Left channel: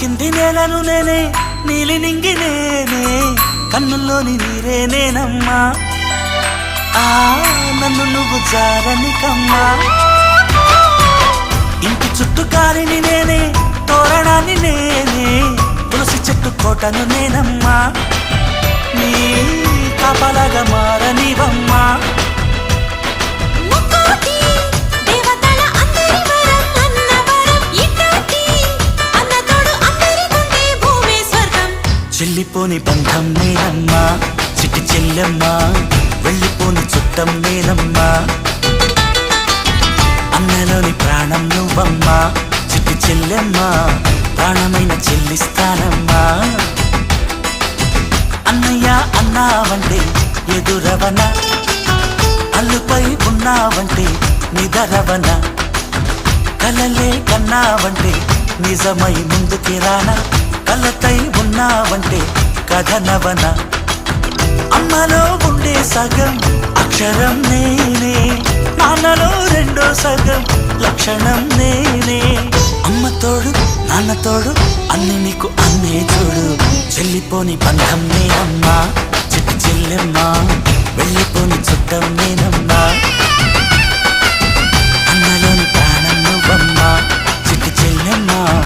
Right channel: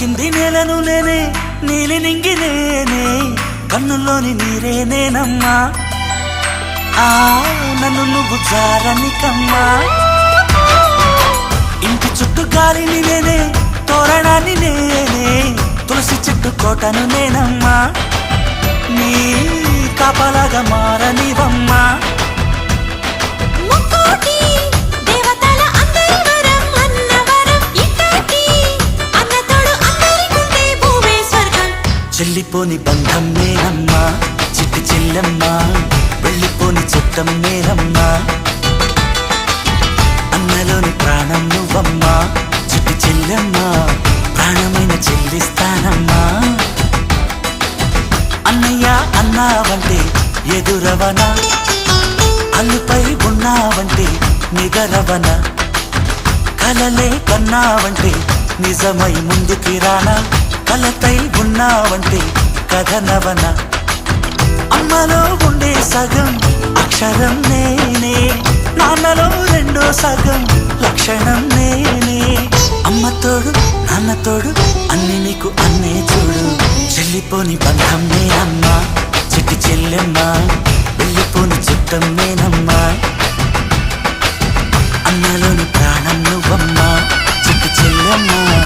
తాకింది నేలను నేనే నీలి నింగి నేనే కన్నుల్లోని నీరే నేనమ్మా నన్ను నువ్వు జాలని కమ్మా ఇంటి చుట్టూ కాలిని నేనే తోరణాన్ని నేనే తులసి చెట్టు కోటను నేనమ్మా నీ కాపలాగా మారనివమ్మా చెల్లిపోని బంధం నేనమ్మా చిట్టి చెల్లమ్మా వెళ్ళిపోని చుట్టం నేనమ్మా అన్నలోని ప్రాణం నువ్వమ్మా చిట్టి చెల్లమ్మా ప్రాణమైన చెల్లిస్తానమ్మా అన్నయ్య అన్నావంటే ఎదురవన అల్లుపై ఉన్నావంటే నిగరవన కలలే కన్నావంటే నిజమై ముందుకి రానా కలపై ఉన్నావంటే కథనవన అమ్మలో ఉండే సగం అక్షరం నేనే నాన్నలో రెండో సగం లక్షణం నేనే అమ్మ తోడు నాన్న తోడు అన్ని నీకు అన్నే చూడు చెల్లిపోని బంధం నేనమ్మా చెట్టి చెల్లెమ్మా వెళ్ళిపోని చుట్టం నేనమ్మా